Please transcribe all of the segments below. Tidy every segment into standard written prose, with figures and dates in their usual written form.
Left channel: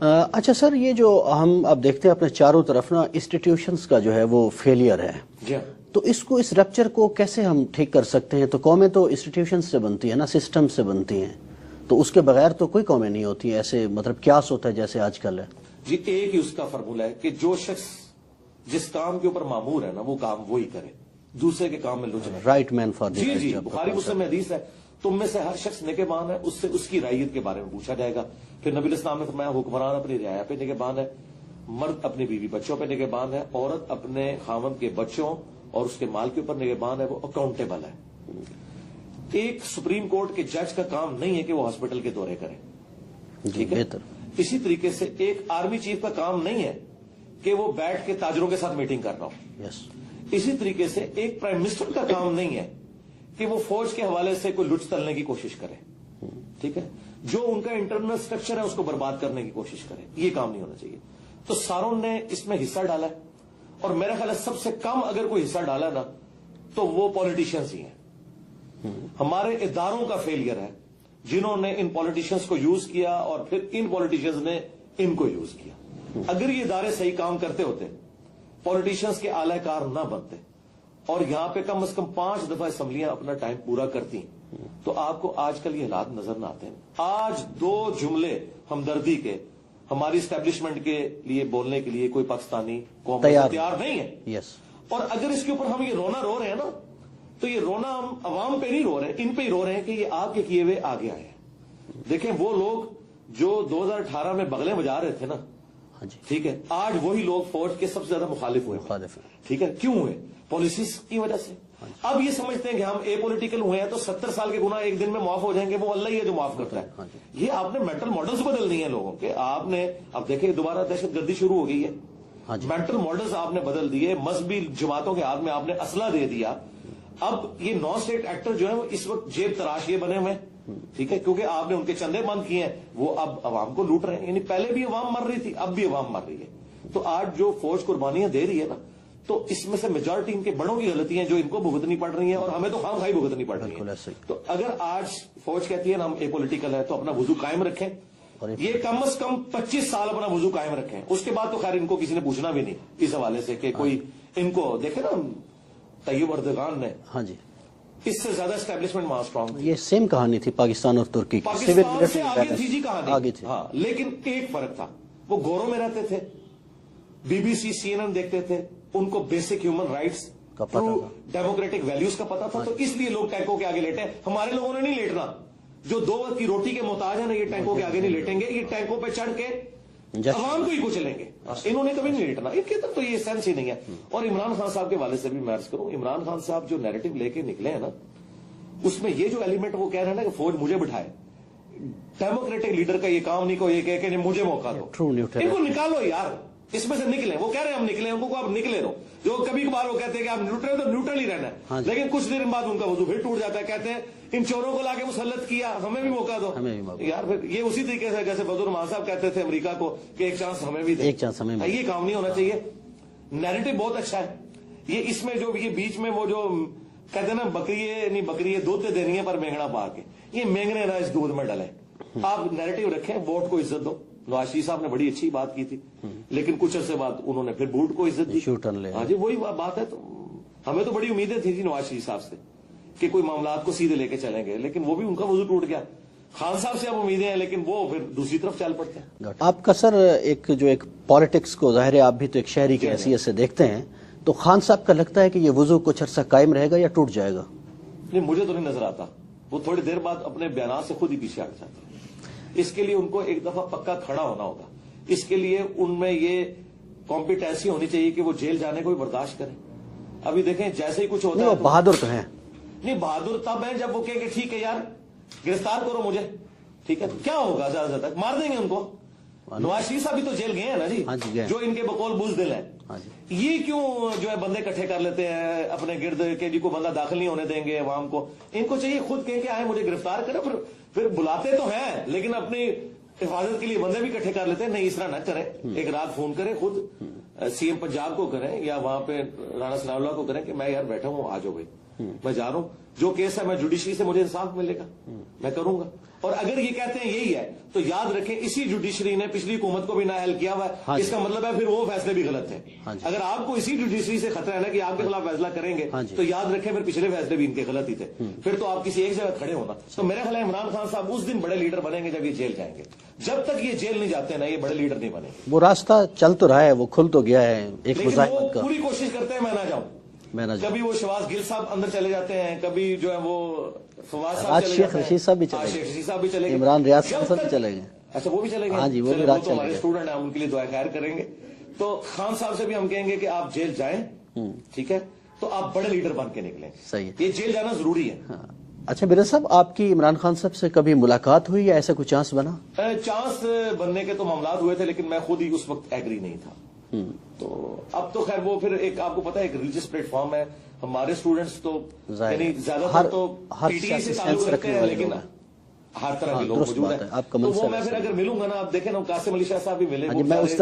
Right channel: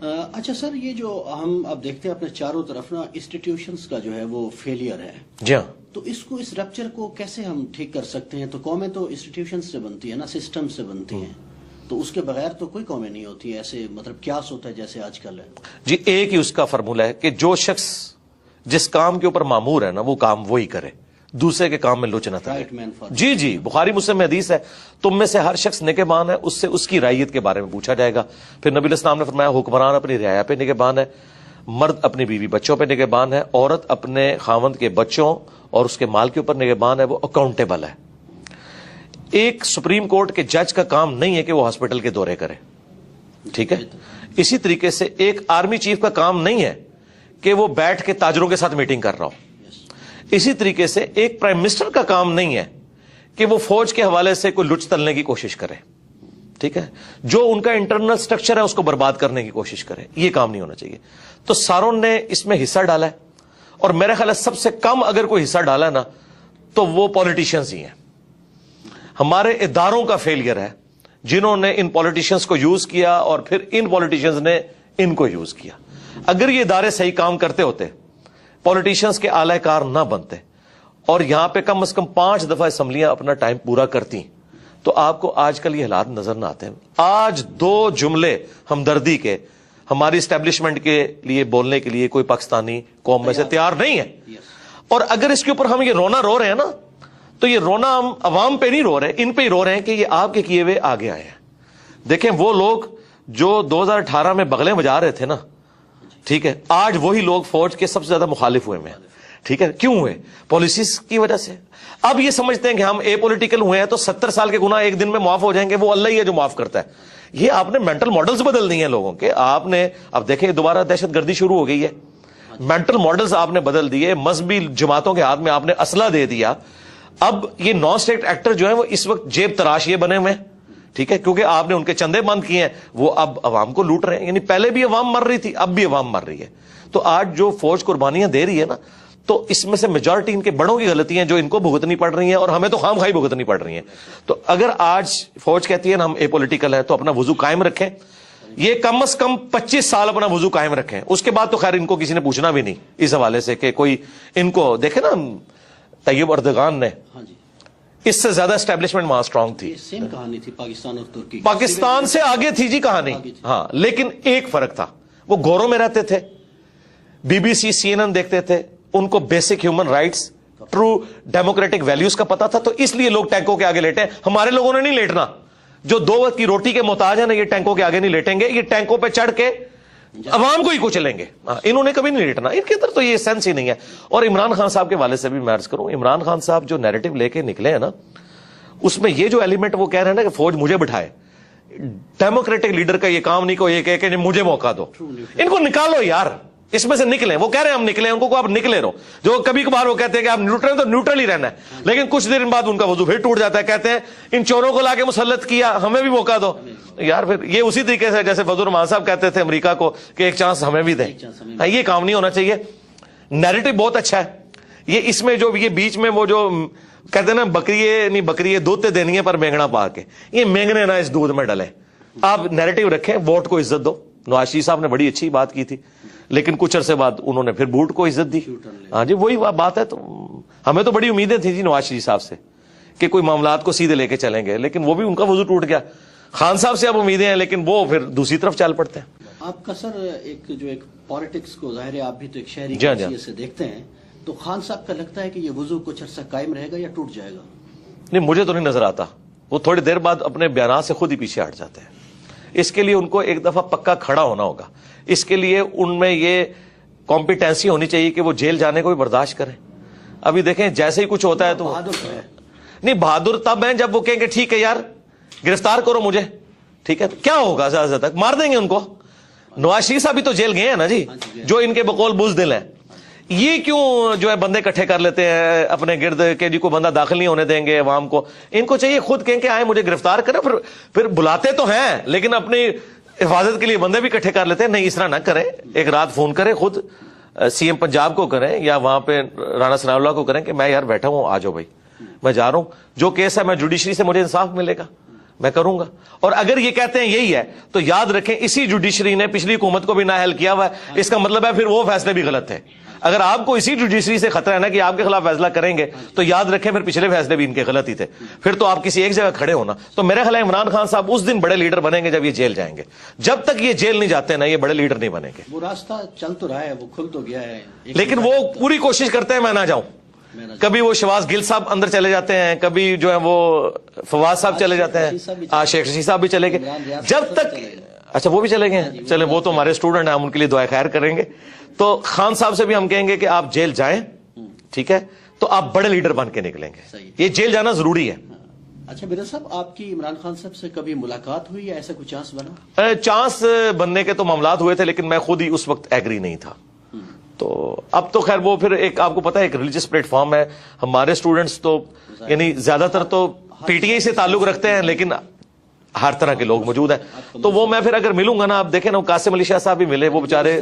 اچھا سر، یہ جو ہم اب دیکھتے ہیں اپنے چاروں طرف نا انسٹیٹیوشنز کا جو ہے وہ فیلئر ہے، جی ہاں، تو اس ریپچر کو کیسے ہم ٹھیک کر سکتے ہیں؟ تو قومیں تو انسٹیٹیوشن سے بنتی ہیں نا، سسٹم سے بنتی ہیں، تو اس کے بغیر تو کوئی قومیں نہیں ہوتی ایسے، مطلب کیاس ہوتا ہے جیسے آج کل ہے. جی ایک ہی اس کا فارمولہ ہے کہ جو شخص جس کام کے اوپر مامور ہے نا وہ کام وہی کرے، دوسرے کے کام میں لچ نہ کرے. رائٹ مین فار جی جی، بخاری مسلم میں حدیث ہے، تم میں سے ہر شخص نگہبان ہے، اس سے اس کی رعیت کے بارے میں پوچھا جائے گا. پھر نبی علیہ السلام نے فرمایا حکمران اپنی رعایا پہ نگہبان ہے، مرد اپنی بیوی بچوں پہ نگہبان ہے، عورت اپنے خاوند کے بچوں اور اس کے مال کے اوپر نگہبان ہے، وہ اکاؤنٹیبل ہے. ایک سپریم کورٹ کے جج کا کام نہیں ہے کہ وہ ہاسپٹل کے دورے کرے، ٹھیک ہے. اسی طریقے سے ایک آرمی چیف کا کام نہیں ہے کہ وہ بیٹھ کے تاجروں کے ساتھ میٹنگ کر رہا ہو. اسی طریقے سے ایک پرائم منسٹر کا کام نہیں ہے کہ وہ فوج کے حوالے سے کوئی لچ تلنے کی کوشش کرے، ٹھیک ہے، جو ان کا انٹرنل سٹرکچر ہے اس کو برباد کرنے کی کوشش کرے. یہ کام نہیں ہونا چاہیے. تو ساروں نے اس میں حصہ ڈالا ہے، اور میرا خیال ہے سب سے کم اگر کوئی حصہ ڈالا ہے نا تو وہ پولیٹیشینز ہی ہیں. ہمارے اداروں کا فیلئر ہے جنہوں نے ان پولیٹیشینز کو یوز کیا اور پھر ان پولیٹیشینز نے ان کو یوز کیا. اگر یہ ادارے صحیح کام کرتے ہوتے، پولیٹیشینز کے اعلی کار نہ بنتے، اور یہاں پہ کم از کم 5 دفعہ اسمبلیاں اپنا ٹائم پورا کرتی، تو آپ کو آج کل یہ حالات نظر نہ آتے ہیں. آج 2 جملے ہمدردی کے ہماری اسٹیبلشمنٹ کے لیے بولنے کے لیے کوئی پاکستانی قوم میں سے تیار نہیں ہے. اور اگر اس کے اوپر ہم یہ رونا رو رہے ہیں نا، تو یہ رونا ہم عوام پہ نہیں رو رہے، ان پہ ہی رو رہے ہیں کہ یہ آپ کے کیے ہوئے آگے آئے ہیں. دیکھیں وہ لوگ جو 2018 میں بغلیں بجا رہے تھے نا، ٹھیک ہے، آج وہی لوگ فوج کے سب سے زیادہ مخالف ہوئے ہیں. ٹھیک ہے، کیوں ہوئے؟ پالیسیز کی وجہ سے. اب یہ سمجھتے ہیں کہ ہم اے پولیٹیکل ہوئے ہیں تو 70 سال کے گناہ ایک دن میں معاف ہو جائیں گے، وہ اللہ ہی ہے جو معاف کرتا ہے. یہ آپ نے مینٹل ماڈلز بدل دیے ہیں لوگوں کے. آپ نے اب دیکھیں دوبارہ دہشت گردی شروع ہو گئی ہے، مینٹل ماڈلز آپ نے بدل دیے، مذہبی جماعتوں کے ہاتھ میں آپ نے اسلحہ دے دیا. اب یہ نان اسٹیٹ ایکٹر جو ہیں وہ اس وقت جیب تراش یہ بنے ہوئے ہیں، ٹھیک ہے، کیونکہ آپ نے ان کے چندے بند کیے ہیں، وہ اب عوام کو لوٹ رہے ہیں. یعنی پہلے بھی عوام مر رہی تھی، اب بھی عوام مر رہی ہے. تو آج جو فوج قربانیاں دے رہی ہے نا، تو اس میں سے میجورٹی ان کے بڑوں کی غلطی ہیں جو ان کو بھگتنی پڑ رہی ہیں، اور ہمیں تو خام خواہی بھگتنی پڑ رہی ہیں. تو اگر آج فوج کہتی ہے نا ہم اے پولیٹیکل ہے، تو اپنا وضو قائم رکھیں. یہ کم از کم 25 سال اپنا وضو قائم رکھیں. اس کے بعد تو خیر ان کو کسی نے پوچھنا بھی نہیں اس حوالے سے کہ کوئی ان کو دیکھے نا. طیب اردگان نے، ہاں جی، اس سے زیادہ اسٹیبلشمنٹ وہاں اسٹرانگ تھی. یہ سیم کہانی تھی پاکستان اور ترکی، پاکستان سے آگے تھی جی کہانی. ہاں، لیکن ایک فرق تھا، وہ گوروں میں رہتے تھے، بی بی سی CNN دیکھتے تھے، ان کو basic human rights, true democratic values کا پتا تھا. تو اس لیے لوگ ٹینکوں کے آگے لیٹے. ہمارے لوگوں نے نہیں لیٹنا. جو 2 وقت کی روٹی کے محتاج ہیں نا، یہ ٹینکوں کے آگے نہیں لیٹیں گے. یہ ٹینکوں پہ چڑھ کے عوام کو ہی کچلیں گے. انہوں نے کبھی نہیں لیٹنا. ان کے اندر تو یہ سینس ہی نہیں ہے. اور عمران خان صاحب کے والے سے بھی میں عرض کروں، عمران خان صاحب جو نیریٹو لے کے نکلے ہیں نا، اس میں یہ جو ایلیمنٹ وہ کہہ رہے ہیں نا کہ فوج مجھے بٹھائے، ڈیموکریٹک لیڈر کا یہ کام نہیں کو یہ کہ مجھے موقع دو. ان کو نکالو یار، اس میں سے نکلیں. وہ کہہ رہے ہیں ہم نکلیں، ان کو آپ نکلے رہو. جو کبھی کبھار وہ کہتے ہیں کہ آپ نیوٹرل، تو نیوٹرل ہی رہنا ہے، لیکن کچھ دن بعد ان کا وضو پھر ٹوٹ جاتا ہے. کہتے ہیں ان چوروں کو لا کے مسلط کیا، ہمیں بھی موقع دو. یار پھر یہ اسی طریقے سے جیسے فضل الرحمان صاحب کہتے تھے امریکہ کو کہ ایک چانس ہمیں بھی دیں. یہ کام نہیں ہونا چاہیے. نیریٹو بہت اچھا ہے. یہ اس میں جو یہ بیچ میں وہ جو کہتے ہیں نا بکری دودھ تے دینی ہے پر مینگنا پا کے، یہ مینگنے نا اس دودھ میں ڈلے. آپ نیریٹو رکھیں، ووٹ کو عزت دو. نواز شریف صاحب نے بڑی اچھی بات کی تھی، لیکن کچھ عرصے بعد انہوں نے پھر بوٹ کو عزت دی. ہاں جی، وہی بات ہے. تو ہمیں تو بڑی امیدیں تھیں جی نواز شریف صاحب سے کہ کوئی معاملات کو سیدھے لے کے چلیں گے، لیکن وہ بھی ان کا وضو ٹوٹ گیا. خان صاحب سے اب امیدیں ہیں، لیکن وہ پھر دوسری طرف چل پڑتے ہیں. آپ کا سر ایک پالیٹکس کو ظاہر ہے آپ بھی تو ایک شہری کی حیثیت سے دیکھتے ہیں، تو خان صاحب کا لگتا ہے کہ یہ وضو کچھ عرصہ قائم رہے گا یا ٹوٹ جائے گا؟ نہیں، مجھے تو نہیں نظر آتا. وہ تھوڑی دیر بعد اپنے بیانات سے خود ہی پیچھے ہٹ جاتے ہیں. اس کے لیے ان کو ایک دفعہ پکا کھڑا ہونا ہوگا. اس کے لیے ان میں یہ کمپیٹنسی ہونی چاہیے کہ وہ جیل جانے کو بھی برداشت کریں. ابھی دیکھیں جیسے ہی کچھ ہوتا ہے تو بہادر تو ہے نہیں. بہادر تب ہیں جب وہ کہیں گے ٹھیک ہے یار گرفتار کرو مجھے، ٹھیک ہے، کیا ہوگا زیادہ سے تک مار دیں گے ان کو. نواز شریف صاحب بھی تو جیل گئے ہیں نا جی، جو ان کے بقول بزدل ہیں. یہ کیوں جو ہے بندے اکٹھے کر لیتے ہیں اپنے گرد کہ جی کو بندہ داخل نہیں ہونے دیں گے عوام کو. ان کو چاہیے خود کہیں کہ آئے مجھے گرفتار کریں. پھر بلاتے تو ہیں لیکن اپنی حفاظت کے لیے بندے بھی اکٹھے کر لیتے ہیں. نہیں، اس طرح نہ کریں. ایک رات فون کریں خود CM پنجاب کو کریں یا وہاں پہ رانا ثناء اللہ کو کریں کہ میں یار بیٹھا ہوں، آ جاؤ بھائی، میں جا رہا ہوں. جو کیس ہے میں جوڈیشری سے مجھے انصاف ملے گا. میں کروں گا. اور اگر یہ کہتے ہیں یہی ہے تو یاد رکھیں اسی جوڈیشری نے پچھلی حکومت کو بھی نااہل کیا ہوا ہے. اس کا مطلب ہے پھر وہ فیصلے بھی غلط ہیں. اگر آپ کو اسی جوڈیشری سے خطرہ ہے نا کہ آپ کے خلاف فیصلہ کریں گے تو یاد رکھیں پھر پچھلے فیصلے بھی ان کے غلط ہی تھے. پھر تو آپ کسی ایک جگہ کھڑے ہونا. تو میرا خیال ہے عمران خان صاحب اس دن بڑے لیڈر بنیں گے جب یہ جیل جائیں گے. جب تک یہ جیل نہیں جاتے نا یہ بڑے لیڈر نہیں بنیں گے. وہ راستہ چل تو رہا ہے, وہ کھل تو گیا ہے, لیکن وہ پوری کوشش کرتے ہیں میں نہ جاؤں. کبھی وہ شہباز گل صاحب اندر چلے جاتے ہیں, کبھی جو ہے وہ فواز صاحب چلے جاتے ہیں, شیخ رشید صاحب بھی چلے گئے. جب تک اچھا وہ بھی چلے گئے, چلے وہ تو ہمارے اسٹوڈنٹ ہیں, ہم ان کے لیے دعائیں خیر کریں گے. تو خان صاحب سے بھی ہم کہیں گے کہ آپ جیل جائیں, ٹھیک ہے, تو آپ بڑے لیڈر بن کے نکلیں گے. یہ جیل جانا ضروری ہے. اچھا مرزا صاحب, آپ کی عمران خان صاحب سے کبھی ملاقات ہوئی یا ایسا کوئی چانس بنا؟ چانس بننے کے تو معاملات ہوئے تھے لیکن میں خود ہی اس وقت ایگری نہیں تھا. تو اب تو خیر وہ پھر ایک آپ کو پتا ہے ایک ریلیجس پلیٹ فارم ہے. ہمارے اسٹوڈنٹس تو یعنی زیادہ تر تو پی ٹی آئی سے تعلق رکھتے ہیں لیکن ہر طرح کے لوگ موجود ہیں. تو وہ میں پھر اگر ملوں گا نا, آپ دیکھیں نا قاسم علی شاہ صاحب بھی ملے, وہ بیچارے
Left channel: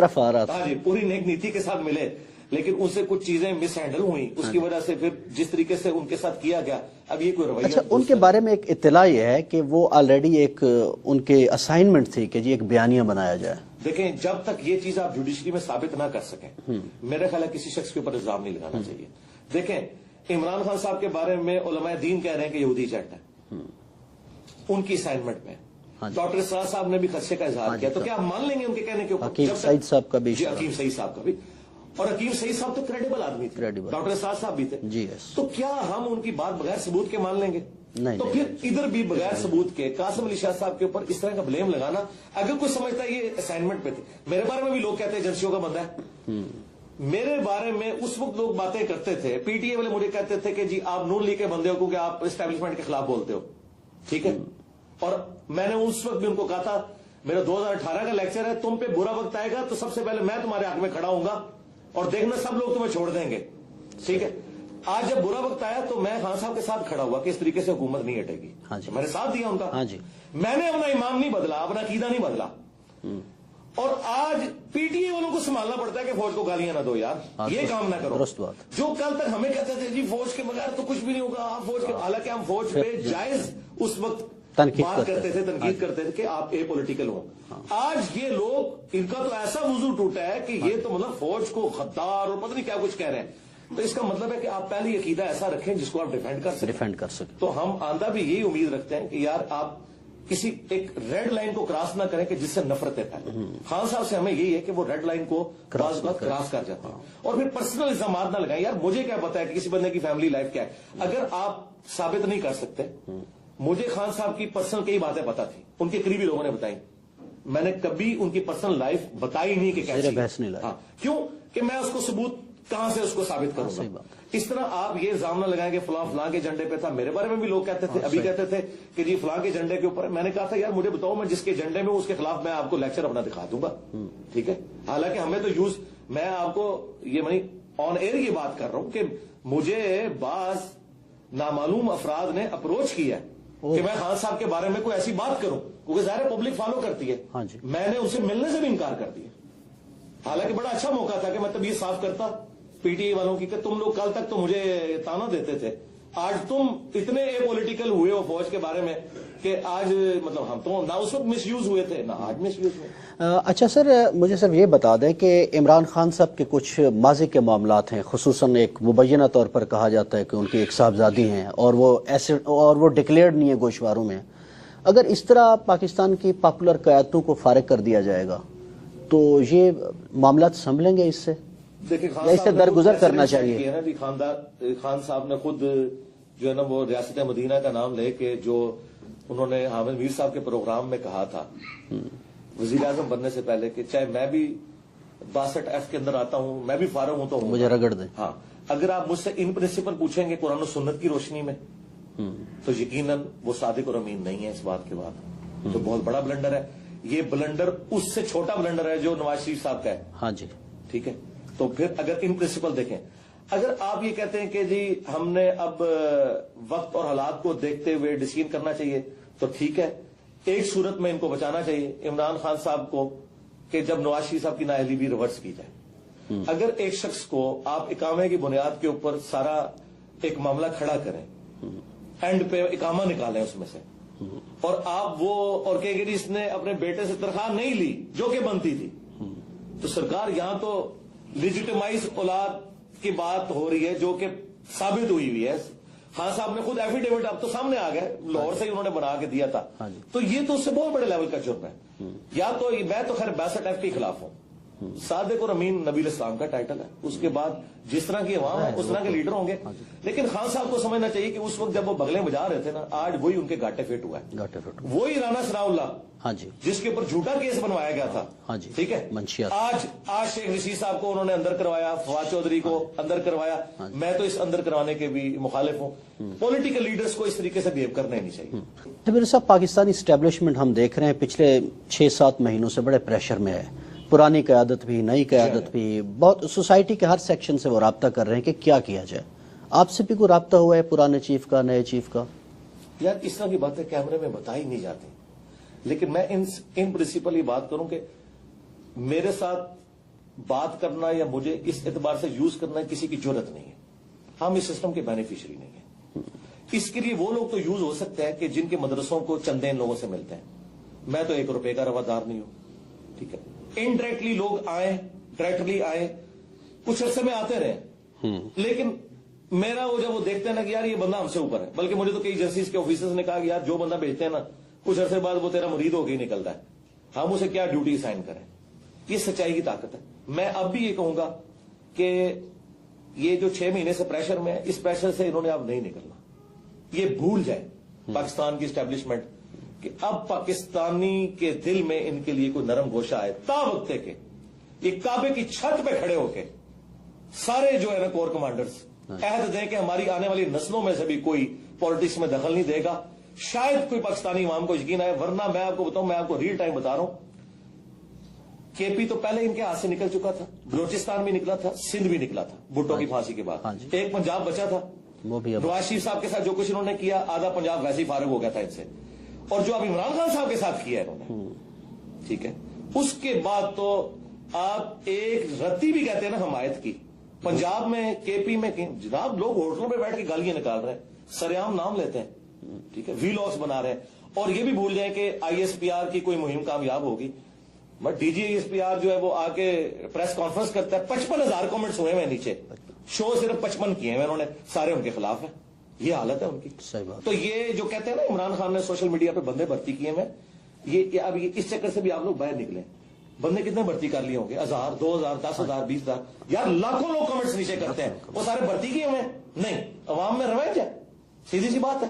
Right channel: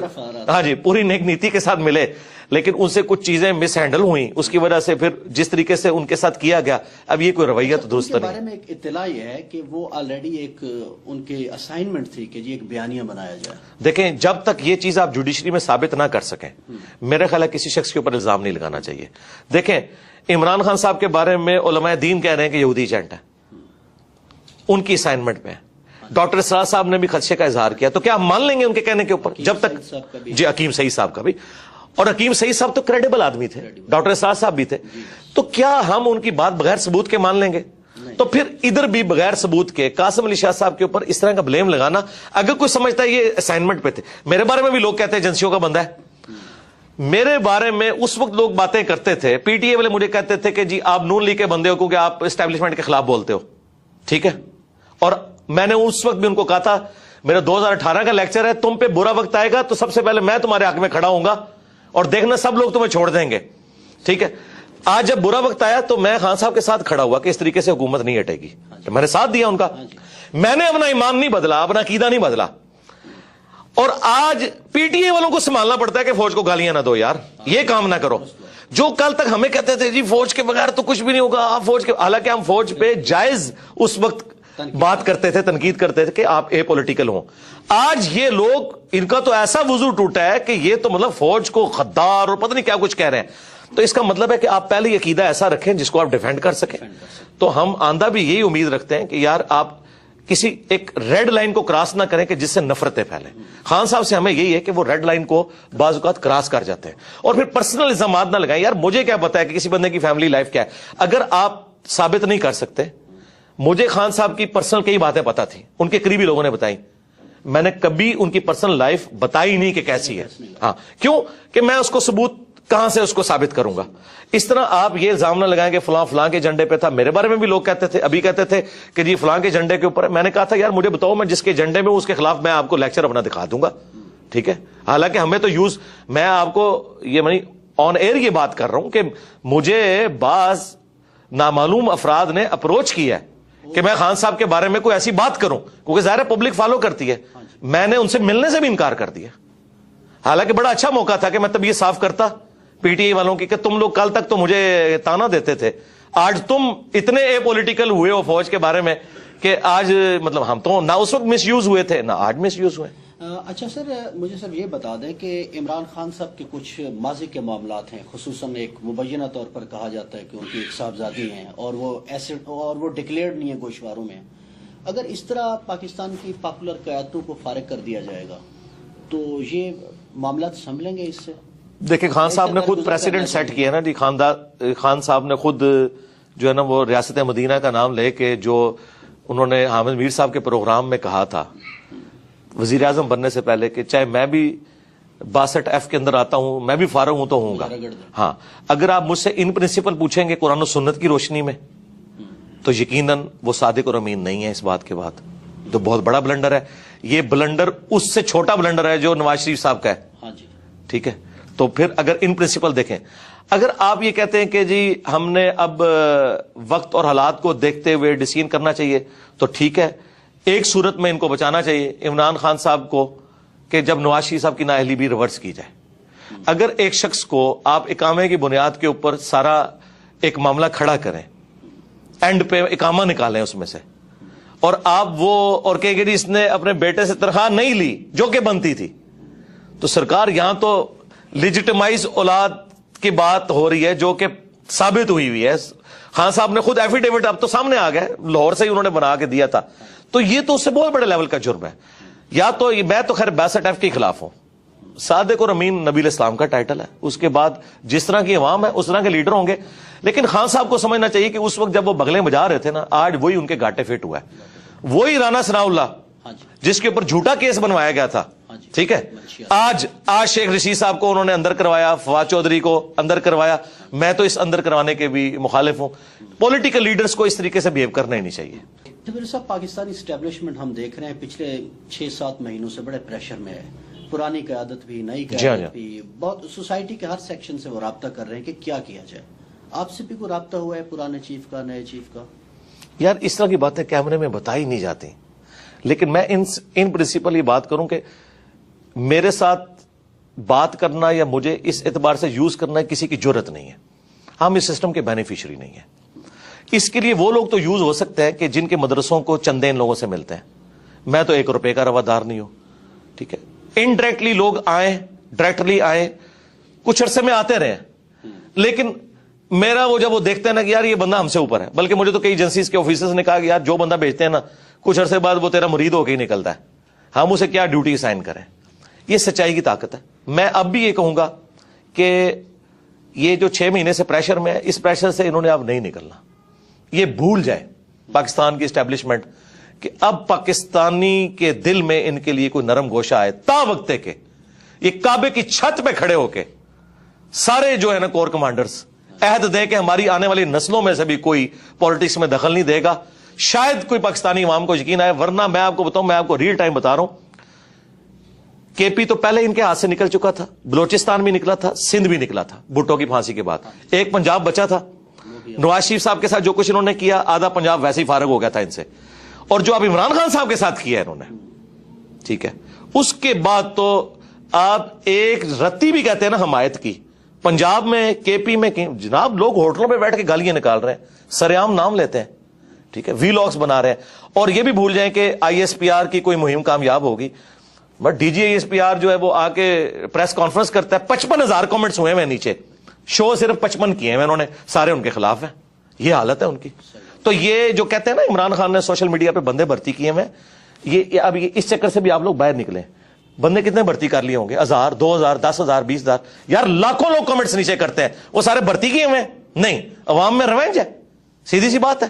ہاں جی پوری نیک نیتی کے ساتھ ملے, لیکن ان سے کچھ چیزیں مس ہینڈل ہوئی, اس کی وجہ سے پھر جس طریقے سے ان کے ساتھ کیا گیا اب یہ کوئی رویت دوست کے بارے میں ایک اطلاع یہ ہے کہ وہ آلریڈی ایک ان کے اسائنمنٹ تھی کہ جی ایک بیانیہ بنایا جائے. دیکھیں جب تک یہ چیز آپ جوڈیشری میں ثابت نہ کر سکیں میرے خیال ہے کسی شخص کے اوپر الزام نہیں لگانا چاہیے. دیکھیں عمران خان صاحب کے بارے میں علماء دین کہہ رہے ہیں کہ یہودی ایجنٹ ہے, ان کی اسائنمنٹ میں. ڈاکٹر اسرار صاحب نے بھی خدشے کا اظہار کیا, تو کیا ہم مان لیں گے ان کے کہنے کے اوپر؟ جب تک جی حکیم سعید صاحب کا بھی, اور حکیم سعید صاحب تو کریڈیبل آدمی تھے, ڈاکٹر اسرار صاحب بھی تھے, تو کیا ہم ان کی بات بغیر ثبوت کے مان لیں گے؟ تو پھر ادھر بھی بغیر ثبوت کے قاسم علی شاہ صاحب کے اوپر اس طرح کا بلیم لگانا, اگر کوئی سمجھتا ہے یہ اسائنمنٹ پہ تھے. میرے بارے میں بھی لوگ کہتے ہیں ایجنسیوں کا بندہ ہے. میرے بارے میں اس وقت لوگ باتیں کرتے تھے, پی ٹی اے والے مجھے کہتے تھے کہ جی آپ نون لیگ کے بندے ہو کیونکہ آپ اسٹیبلشمنٹ کے خلاف بولتے ہو, ٹھیک ہے. اور میں نے اس وقت بھی ان کو کہا تھا میرا 2018 کا لیکچر ہے, تم پہ برا وقت آئے گا تو سب سے پہلے میں تمہارے حق میں کھڑا ہوں گا اور دیکھنا سب لوگ تمہیں چھوڑ دیں گے, ٹھیک ہے. آج جب برا وقت آیا تو میں خان صاحب کے ساتھ کھڑا ہوا کہ اس طریقے سے حکومت نہیں ہٹے گی. میں نے ساتھ دیا ان کا, میں نے اپنا ایمان نہیں بدلا, اپنا عقیدہ نہیں بدلا. اور آج پی ٹی اے والوں کو سنبھالنا پڑتا ہے کہ فوج کو گالیاں نہ دو یار, یہ کام نہ کرو. جو کل تک ہمیں کہتے تھے جی فوج کے بغیر تو کچھ بھی نہیں ہوگا, آپ فوج کے, حالانکہ ہم فوج پہ جائز اس وقت بات کرتے تھے, تنقید کرتے تھے کہ آپ اے پولیٹیکل ہوں. آج یہ لوگ, ان کا تو ایسا وضو ٹوٹا ہے کہ یہ تو مطلب فوج کو غدار اور پتہ نہیں کیا کچھ کہہ رہے ہیں. تو اس کا مطلب ہے کہ آپ پہلے یہ عقیدہ ایسا رکھیں جس کو آپ ڈیفینڈ کر سکیں. تو ہم آندہ بھی یہی امید رکھتے ہیں کہ یار آپ کسی ایک ریڈ لائن کو کراس نہ کریں کہ جس سے نفرتیں پھیلیں. خان صاحب سے ہمیں یہی ہے کہ وہ ریڈ لائن کو بعض اوقات کراس کر جاتے ہیں اور پھر پرسنل الزامات نہ لگائیں. یار مجھے کیا پتا ہے کہ کسی بندے کی فیملی لائف کیا ہے, اگر آپ ثابت نہیں کر سکتے. مجھے خان صاحب کی پرسنل کئی باتیں پتا تھی, ان کے قریبی لوگوں نے بتائی, میں نے کبھی ان کی پرسنل لائف بتائی نہیں کہ کیسی ہے. ہاں کیوں کہ میں اس کو ثبوت کہاں سے اس کو ثابت کروں گا. اس طرح آپ یہ الزام نہ لگائیں کہ فلاں فلاں کے جھنڈے پہ تھا. میرے بارے میں بھی لوگ کہتے تھے, ابھی کہتے تھے کہ جی فلاں کے جھنڈے کے اوپر. میں نے کہا تھا یار مجھے بتاؤ, میں جس کے جھنڈے میں اس کے خلاف میں آپ کو لیکچر اپنا دکھا دوں گا, ٹھیک ہے. حالانکہ ہمیں تو یوز, میں آپ کو یہ منی آن ایئر یہ بات کر رہا ہوں کہ مجھے بعض نامعلوم افراد نے اپروچ کیا ہے کہ میں خان صاحب کے بارے میں کوئی ایسی بات کروں, کیونکہ ظاہر پبلک فالو کرتی ہے. میں نے ان سے ملنے سے بھی انکار کر دیا, حالانکہ بڑا اچھا موقع تھا کہ میں تب یہ صاف کرتا پی ٹی آئی والوں کی کہ تم لوگ کل تک تو مجھے تانا دیتے تھے, آج تم اتنے اے پولیٹیکل ہوئے ہو فوج کے بارے میں کہ آج مطلب ہم تو نہ اس وقت مس یوز ہوئے تھے نہ آج مس یوز ہوئے. اچھا سر, مجھے سر یہ بتا دیں کہ عمران خان صاحب کے کچھ ماضی کے معاملات ہیں, خصوصاً ایک مبینہ طور پر کہا جاتا ہے کہ ان کی ایک صاحبزادی ہیں اور وہ ڈکلیئرڈ نہیں ہے گوشواروں میں. اگر اس طرح پاکستان کی پاپولر قیادتوں کو فارغ کر دیا جائے گا تو یہ معاملات سنبھلیں گے اس سے؟ دیکھیں خان صاحب نے خود پریسیڈنٹ سیٹ کیا نا جی, خان صاحب نے خود جو ہے نا وہ ریاست مدینہ کا نام لے کے جو انہوں نے حامد میر صاحب کے پروگرام میں کہا تھا وزیر اعظم بننے سے پہلے کہ چاہے میں بھی 62F کے اندر آتا ہوں, میں بھی فارغ ہوں تو ہوں گا. ہاں اگر آپ مجھ سے ان پرنسپل پوچھیں گے قرآن و سنت کی روشنی میں تو یقیناً وہ صادق اور امین نہیں ہے اس بات کے بعد, تو بہت بڑا بلنڈر ہے. یہ بلنڈر اس سے چھوٹا بلنڈر ہے جو نواز شریف صاحب کا ہے. ہاں جی ٹھیک ہے. تو پھر اگر ان پرنسپل دیکھیں, اگر آپ یہ کہتے ہیں کہ جی ہم نے اب وقت اور حالات کو دیکھتے ہوئے ڈیسیژن کرنا چاہیے تو ٹھیک ہے. ایک صورت میں ان کو بچانا چاہیے عمران خان صاحب کو کہ جب نواز شریف صاحب کی نااہلی بھی ریورس کی جائے. اگر ایک شخص کو آپ اقامے کی بنیاد کے اوپر سارا ایک معاملہ کھڑا کریں, اینڈ پہ اقامہ نکالیں اس میں سے, اور آپ وہ اور کہیں گے جی اس نے اپنے بیٹے سے تنخواہ نہیں لی جو کہ بنتی تھی. تو سرکار یہاں تو لیجیٹمائز اولاد کی بات ہو رہی ہے جو کہ ثابت ہوئی ہے. خان صاحب نے خود ایفیڈیوٹ اب تو سامنے آ گئے, لاہور سے ہی انہوں نے بنا کے دیا تھا. تو یہ تو اس سے بہت بڑے لیول کا جرم ہے. یا تو میں تو خیر 62F کے خلاف ہوں. صادق اور امین نبی الاسلام کا ٹائٹل ہے, اس کے بعد جس طرح کی عوام ہے اس طرح کے لیڈر ہوں گے. لیکن خان صاحب کو سمجھنا چاہیے کہ اس وقت جب وہ بغلیں بجا رہے تھے نا, آج وہی ان کے گاٹے فٹ ہوا ہے. وہی رانا ثناء اللہ جس کے اوپر جھوٹا کیس بنوایا گیا تھا, ٹھیک ہے, آج شیخ رشید صاحب کو انہوں نے اندر کروایا, فواد چودھری کو اندر کروایا. میں تو اس اندر کروانے کے بھی مخالف ہوں. پولیٹیکل لیڈرز کو اس طریقے سے بہیو کرنا ہی نہیں چاہیے. میرے صاحب پاکستانی اسٹیبلشمنٹ ہم دیکھ رہے ہیں پچھلے 6-7 مہینوں سے بڑے پریشر میں ہے. پرانی قیادت بھی, نئی قیادت بھی, بہت سوسائٹی کے ہر سیکشن سے وہ رابطہ کر رہے ہیں کہ کیا کیا جائے. آپ سے بھی کوئی رابطہ ہوا ہے پرانے چیف کا, نئے چیف کا؟ یار اس طرح کی باتیں کیمرے میں بتائی نہیں جاتی, لیکن میں ان پرنسپل یہ بات کروں کہ میرے ساتھ بات کرنا یا مجھے اس اعتبار سے یوز کرنا کسی کی جرت نہیں ہے. ہم اس سسٹم کے بینیفیشری نہیں ہیں. اس کے لیے وہ لوگ تو یوز ہو سکتے ہیں کہ جن کے مدرسوں کو چندے ان لوگوں سے ملتے ہیں. میں تو 1 روپے کا روادار نہیں ہوں, ٹھیک ہے. انڈائریکٹلی لوگ آئیں, ڈائریکٹلی آئیں, کچھ عرصے میں آتے رہے, لیکن میرا وہ جب وہ دیکھتے ہیں نا کہ یار یہ بندہ ہم سے اوپر ہے, بلکہ مجھے تو کئی ایجنسیز کے آفیسرز نے کہا کہ یار جو بندہ بھیجتے ہیں نا کچھ عرصے بعد وہ تیرا مرید ہو کے ہی نکلتا ہے, ہم اسے کیا ڈیوٹی اسائن کریں. یہ سچائی کی طاقت ہے. میں اب بھی یہ کہوں گا کہ یہ جو 6 مہینے سے پریشر میں ہے, اس پریشر سے انہوں نے اب نہیں نکلنا. یہ بھول جائے پاکستان کی اسٹیبلشمنٹ کہ اب پاکستانی کے دل میں ان کے لیے کوئی نرم گوشہ آئے. تا وقت کہ یہ کعبے کی چھت پہ کھڑے ہو کے سارے جو ہے نا کور کمانڈرز عہد دے کہ ہماری آنے والی نسلوں میں سے بھی کوئی پالیٹکس میں دخل نہیں دے گا, شاید کوئی پاکستانی عوام کو یقین آئے. ورنہ میں آپ کو بتاؤں, میں آپ کو ریئل ٹائم بتا رہا ہوں, کے پی تو پہلے ان کے ہاتھ سے نکل چکا تھا, بلوچستان بھی نکلا تھا, سندھ بھی نکلا تھا بھٹو کی پھانسی کے بعد. ایک پنجاب بچا تھا. نواز شریف صاحب کے ساتھ جو کچھ انہوں نے کیا, آدھا پنجاب ویسے ہی فارغ ہو گیا تھا ان سے. اور جو اب عمران خان صاحب کے ساتھ کیا ہے انہوں نے, ٹھیک ہے, اس کے بعد تو آپ ایک رتی بھی کہتے ہیں نا حمایت کی پنجاب میں, کے پی میں, جناب لوگ ہوٹلوں پہ بیٹھ کے گالیاں نکال رہے ہیں, سرعام نام لیتے ہیں, ٹھیک ہے, وی لاگس بنا رہے ہیں. اور یہ بھی بھول جائیں کہ ISPR کی کوئی مہم کامیاب ہوگی, بٹ ڈی جی ISPR جو ہے وہ آ کے پریس کانفرنس کرتا ہے, 55,000 کامنٹس ہوئے ہیں نیچے, شو صرف 55 کیے ہیں انہوں نے, سارے ان کے خلاف ہیں. یہ حالت ہے ان کی. تو یہ جو کہتے ہیں نا عمران خان نے سوشل میڈیا پہ بندے بھرتی کیے ہیں, یہ اب اس چکر سے بھی آپ لوگ باہر نکلیں. بندے کتنے بھرتی کر لیے ہوں گے؟ 1000, 2000, 10,000, 20,000. یار لاکھوں لوگ کمنٹس نیچے کرتے ہیں, وہ سارے بھرتی کیے ہوئے نہیں. عوام میں ریونج ہے, سیدھی سی بات ہے.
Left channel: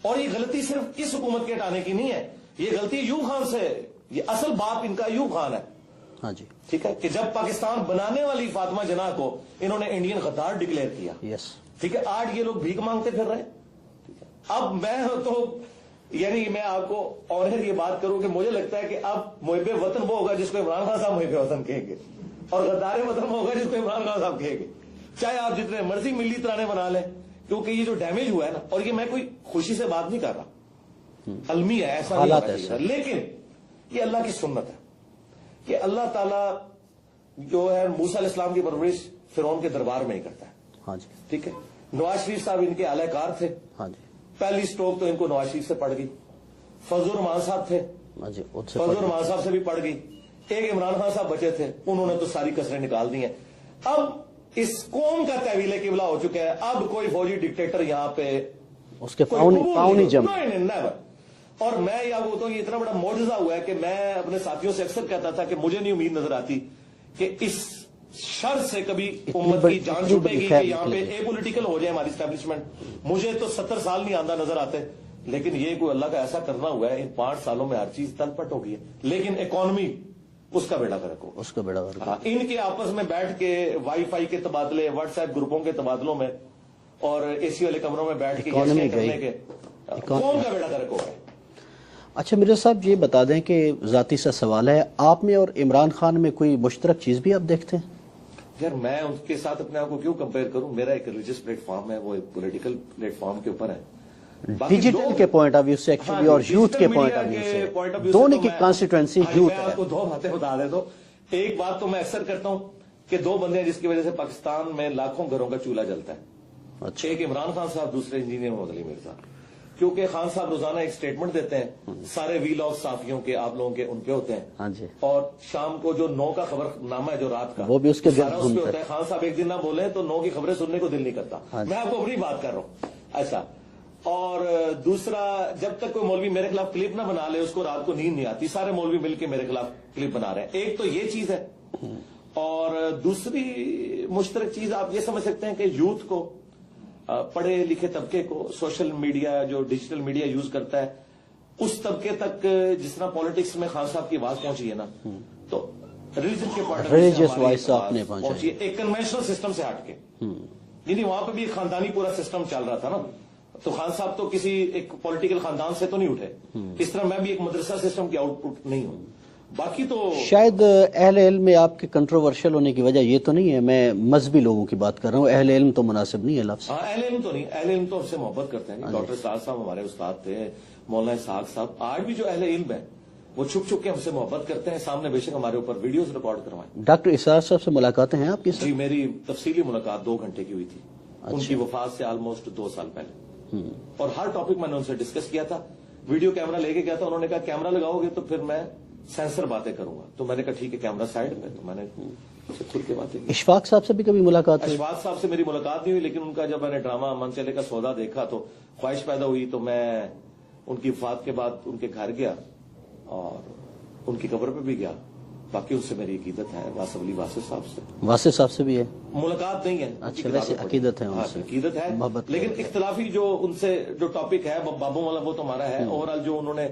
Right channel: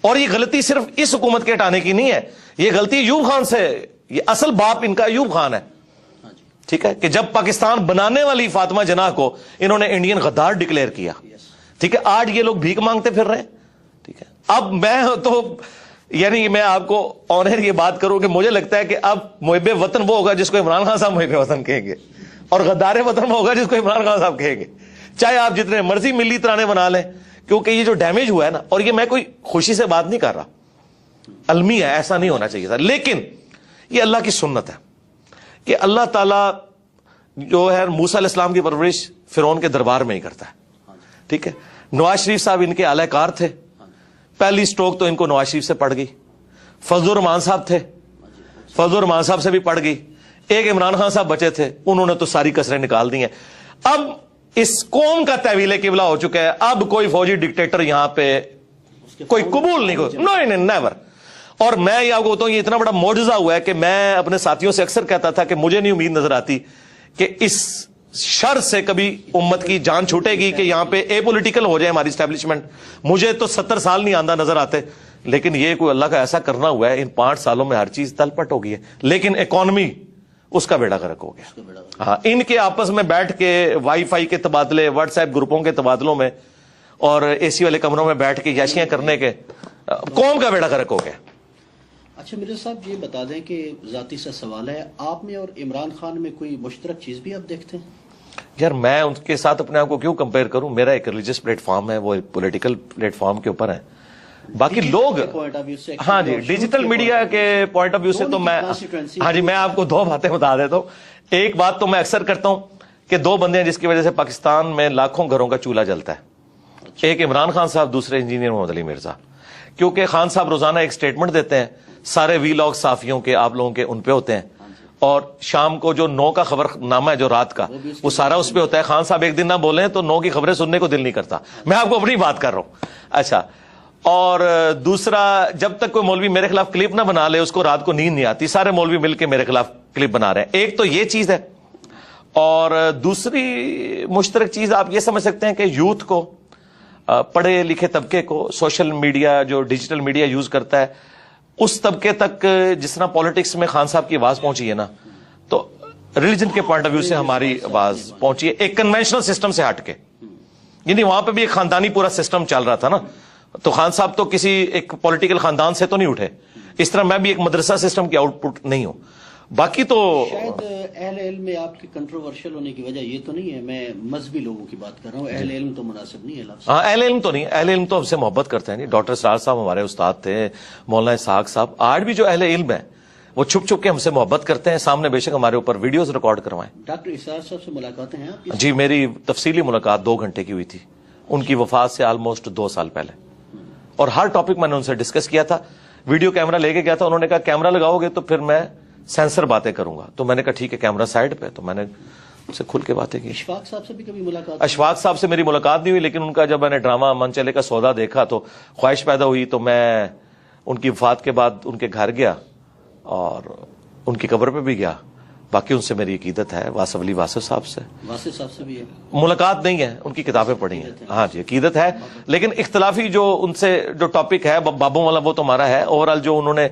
اور یہ غلطی صرف اس حکومت کے ہٹانے کی نہیں ہے, یہ غلطی ایوب خان سے, یہ اصل باپ ان کا ایوب خان ہے, ٹھیک ہے, کہ جب پاکستان بنانے والی فاطمہ جناح کو انہوں نے انڈین غدار ڈکلیئر کیا, ٹھیک ہے, آج یہ لوگ بھیک مانگتے پھر رہے ہیں, ٹھیک ہے. اب میں تو یعنی میں آپ کو آنر یہ بات کروں کہ مجھے لگتا ہے کہ اب محب وطن وہ ہوگا جس کو عمران خان صاحب محب وطن کہیں گے, اور غدار وطن وہ ہوگا جس کو عمران خان صاحب کہیں گے, چاہے آپ جتنے مرضی ملی ترانے بنا لیں. کیونکہ یہ جو ڈیمیج ہوا ہے نا, اور یہ میں کوئی خوشی سے بات نہیں کر رہا, المی ہے, ایسا نہیں ہونا چاہیے تھا, لیکن یہ اللہ کی سنت ہے کہ اللہ تعالیٰ جو ہے موسیٰ علیہ السلام کی پرورش فرعون کے دربار میں ہی کرتا ہے, ٹھیک ہے. نواز شریف صاحب ان کے اعلی کار تھے, پہلی سٹروک تو ان کو نواز شریف سے پڑ گئی. فضل الرحمان صاحب تھے, فضل الرحمان صاحب سے بھی پڑ گئی. ایک عمران خان صاحب بچے تھے, انہوں نے تو ساری کسریں نکال دی ہیں. اب اس قوم کا تحویل قبلہ ہو چکا ہے, اب کوئی فوجی ڈکٹیٹر یہاں پہ کوئی قبول نہیں کرتا, نہیں, نیور. اور میں یہ آپ کو بتاؤں, یہ اتنا بڑا معجزہ ہوا ہے کہ میں اپنے ساتھیوں سے اکثر کہتا تھا کہ مجھے نہیں امید نظر آتی کہ اس شر سے کبھی امت کی جان چھوٹے گی کہ یہاں پہ اے پولیٹیکل ہو جائے ہماری اسٹیبلشمنٹ. مجھے تو 70 سال نہیں آندہ نظر آتے, لیکن یہ کوئی اللہ کا ایسا کرنا ہوا ہے, ان 5 سالوں میں ہر چیز تل پٹ ہو گئی ہے. لیکن اکانومی اس کا بیڑا غرق ہو گیا. ہاں, ان کے آپس میں بیٹھ کے وائی فائی کے تبادلے, واٹس ایپ گروپوں کے تبادلوں میں, اور اے سی والے کمروں میں بیٹھ کے یاشیاں کرنے کے قوم کا بیڑا غرق ہو گیا. اچھا مرزا صاحب یہ بتا دیں کہ ذاتی سا سوال ہے, آپ میں اور عمران خان میں کوئی مشترک چیز بھی آپ دیکھتے ہیں؟ یار میں ان کے ساتھ اپنے آپ کو کیوں کمپیئر کروں, میرا ایک ریلیجس پلیٹ فارم ہے, وہ پولیٹیکل پلیٹ فارم کے اوپر ہے. باقی لوگ ہاں جی, ڈیجیٹل میڈیا کے پوائنٹ آف ویو سے تو میں, ہاں جی, میں آپ کو 2 باتیں بتا دیتا ہوں. ایک بات تو میں اکثر کرتا ہوں کہ 2 بندے ہیں جس کی وجہ سے پاکستان میں لاکھوں گھروں کا چولہا جلتا ہے. ایک عمران خان صاحب, دوسرے انجینئر محمد علی مرزا. کیونکہ خان صاحب روزانہ ایک سٹیٹمنٹ دیتے ہیں، سارے وی لاگ صحافیوں کے آپ لوگوں کے ان پہ ہوتے ہیں، اور شام کو جو 9 کا خبر نامہ ہے جو رات کا وہ سارا اس پہ ہوتا ہے. خان صاحب ایک دن نہ بولیں تو 9 کی خبریں سننے کو دل نہیں کرتا. میں آپ کو اپنی بات کر رہا ہوں. اچھا، اور دوسرا، جب تک کوئی مولوی میرے خلاف کلپ نہ بنا لے اس کو رات کو نیند نہیں آتی. سارے مولوی مل کے میرے خلاف کلپ بنا رہے ہیں. ایک تو یہ چیز ہے، اور دوسری مشترک چیز آپ یہ سمجھ سکتے ہیں کہ یوتھ کو، پڑھے لکھے طبقے کو، سوشل میڈیا جو ڈیجیٹل میڈیا یوز کرتا ہے اس طبقے تک جس طرح پالیٹکس میں خان صاحب کی آواز پہنچی ہے نا، تو ریلیجن کے پوائنٹ آف ویو سے ہماری آواز پہنچی ہے ایک کنونشنل سسٹم سے ہٹ کے. یعنی وہاں پہ بھی ایک خاندانی پورا سسٹم چل رہا تھا نا، تو خان صاحب تو کسی ایک پولیٹیکل خاندان سے تو نہیں اٹھے، اس طرح میں بھی ایک مدرسہ سسٹم کی آؤٹ پٹ نہیں ہوں. باقی تو شاید اہل علم میں آپ کے کنٹروورشل ہونے کی وجہ یہ تو نہیں ہے، میں مذہبی لوگوں کی بات کر رہا ہوں، اہل علم تو مناسب نہیں ہے لفظ. ہاں، اہل علم تو نہیں، اہل علم تو ہم سے محبت کرتے ہیں. ڈاکٹر سرار صاحب ہمارے استاد تھے، مولانا اسحاق صاحب. آج بھی جو اہل علم ہیں وہ چھپ چھپ کے ہم سے محبت کرتے ہیں، سامنے بے شک ہمارے اوپر ویڈیوز ریکارڈ کروائیں. ڈاکٹر اسرار صاحب سے ملاقاتیں ہیں آپ کی؟ جی، میری تفصیلی ملاقات 2 گھنٹے کی ہوئی تھی. ان کی وفات سے آلموسٹ 2 سال پہلے، اور ہر ٹاپک میں نے ان سے ڈسکس کیا تھا. ویڈیو کیمرہ لے کے گیا تھا، انہوں نے کہا کیمرہ لگاؤ گے تو پھر میں سینسر باتیں کروں گا. تو میں نے کہا ٹھیک ہے، کیمرہ سائڈ پہ. تو میں نے ان سے کھل کے باتیں کی. اشفاق صاحب سے بھی کبھی ملاقات؟ اشفاق صاحب سے میری ملاقات نہیں ہوئی، لیکن ان کا جب میں نے ڈرامہ من چلے کا سودا دیکھا تو خواہش پیدا ہوئی. تو میں ان کی وفات کے بعد ان کے گھر گیا اور ان کی قبر پہ بھی گیا. باقی ان سے میری عقیدت ہے. واصف علی واصف صاحب سے، واصف صاحب سے بھی ہے ملاقات نہیں ہے، ان کی کتابیں پڑھی. ہاں جی، عقیدت ہے، لیکن اختلافی جو ان سے جو ٹاپک ہے بابوں والا وہ تو ہمارا ہے. اوورآل جو انہوں نے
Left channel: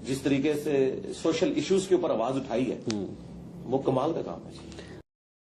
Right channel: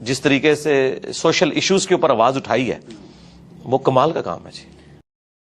جس طریقے سے سوشل ایشوز کے اوپر آواز اٹھائی ہے وہ کمال کا کام ہے. جی.